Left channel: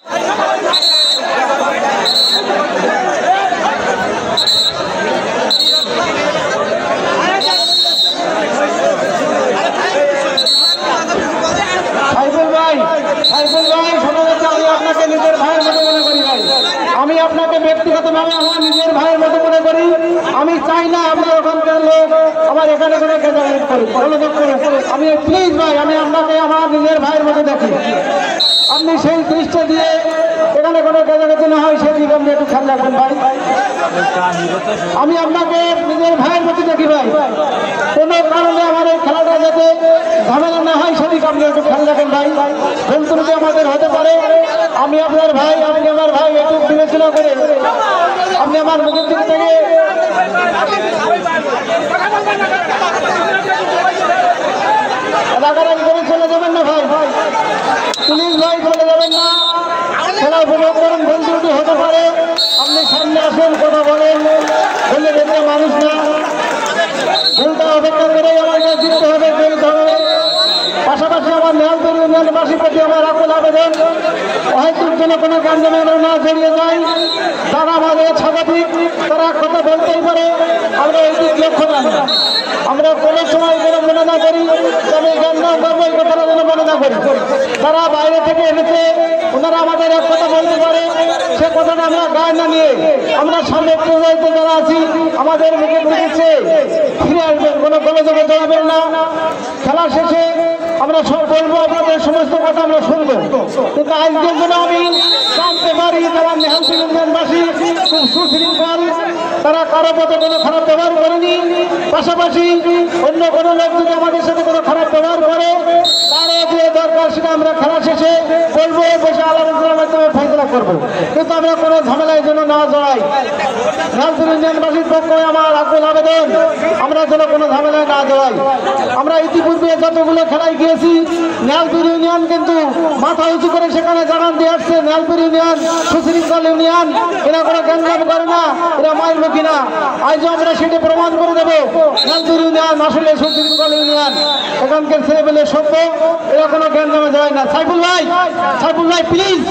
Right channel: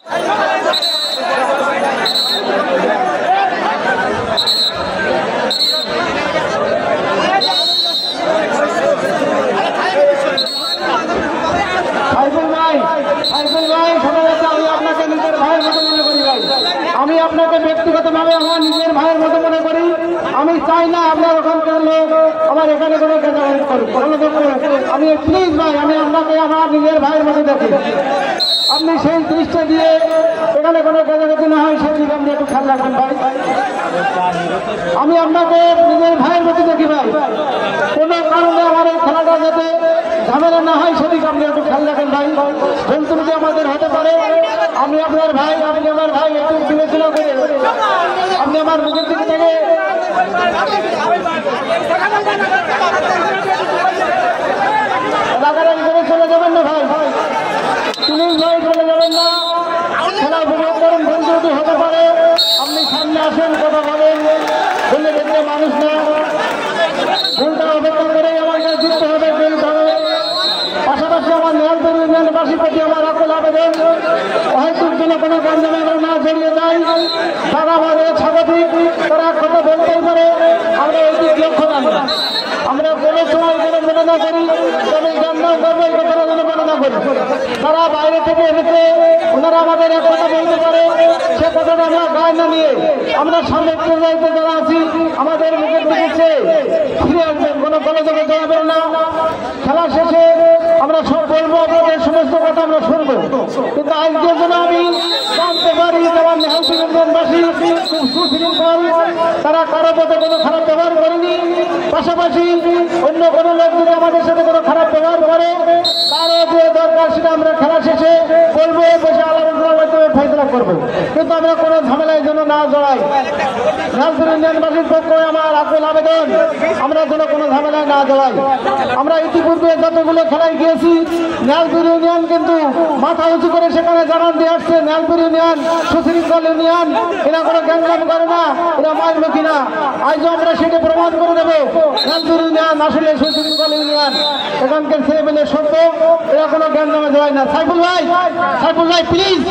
আমি আপনাকে ব্যক্তিগতভাবে আমার নিজের ভাইয়ের মতো মনে করি। আমি চাই না আপনার ওখানকার লোক আমার এখানে কোনো আমি প্লিজ ভাই, আমি আপনাকে আমার নিজের ভাইয়ের মতো দেখি। আপনি সেই দৃষ্টি দিয়ে এখানে কোনো গাজাগাজি না হয় সেদিকে আপনি একটু খেয়াল রাখবেন ভাই। আমি আপনাকে নিজের ভাইয়ের মতো দেখি ভাই। কোনো কারণে আমার এই খেলাটা যাতে ঝামেলা না হয় সেদিকে আপনি একটু খেয়াল রাখেন ভাই। ভুলত্রুটি আমাদের হতে পারে। আমি আপনার ভাই, আপনি আমার ভাই, একটু বিবেচনা করে আপনি আমার মুখের দিক থেকে রাগারাগি করে চলে যাবেন না ভাই। প্লিজ ভাই, চলে যাবেন না। খেলা উপভোগ করেন, ভুলত্রুটি হতে পারে। আপনি সামনে আসেন, কথা বলেন। ভুলে দেখতে মানুষ না, ভুলটা অপেক্ষা করে আমাকে জিততে হবে, বলতে হবে। পাশাপাশি আমার নেহালপুর ইউনিয়নবাসীর প্রতি আমার আকুল আবেদন, হয়তো জন্য কোনো কার্যক্রম না জড়িয়ে যায়। যারা আমাদের স্বাগতিক তারা কথা বলতেই পারে, আমরা এদিক লক্ষ্য রাখি। আমরা কোনো সময় কোনো মনে না করি, তবে গান না করবো এই কথাটা যেন মনে না করি। তারা বাইরে থেকে এসেছে, ওনারা আমাদের এক কথা বলতে পারে, সে কথাটা আমরা গায়ে না নিয়ে আমরা সামনে প্রবাহিত যারা আছি আমাদের মুখে দিয়েছে ফিরে আসবেন, কোনো গোলযোগে জড়াবেন না। খেলা শেষে আমরা সব বলবো, আপনাদের সমস্ত কথা আমরা শুনবো। কিন্তু আজকের দিনে আমি জানতে পারি যারা নেহালপুর ইউনিয়নবাসী খুব সুশৃঙ্খল, তারা কারো পথে কোনো খারাপ ব্যবহার করেনি। পাশাপাশি অন্য কোনো লোক যদি আমাদের সাথে কোনো খারাপ ব্যবহার করে তার যে দরকার সেটা আমরা খেলা শেষে বলবো, বসে আলোচনার মাধ্যমে ফেসলা করবো। কিন্তু আমরা কোনো ঝামেলার জন্য না জড়াই। নেহালপুর ইউনিয়নবাসীর পক্ষে আমার আকুল আবেদন, আমরা যেন কোনো ঝামেলায় না জড়াই। আমরা ইতিপূর্বে যতগুলো খেলায় গিয়েছি, নেহালপুর ইউনিয়ন কিন্তু মাথা উঁচু করে সেখানে জানান দিয়ে আসছে নেহালপুর ইউনিয়ন সুশৃঙ্খল ইউনিয়ন, এরা কোনো গ্যাঞ্জাম করে না, এরা মাইলমুখী না। আজ আমরা সেটা প্রমাণ করে দেবো নেহালপুর ইউনিয়ন আসলে সুশৃঙ্খল ইউনিয়ন। এখানকার ছেলেমেলে সভ্য, এরা কোনো গ্যাঞ্জামে যায় না। সাইফুল ভাই, সাইফুল ভাই প্লিজ।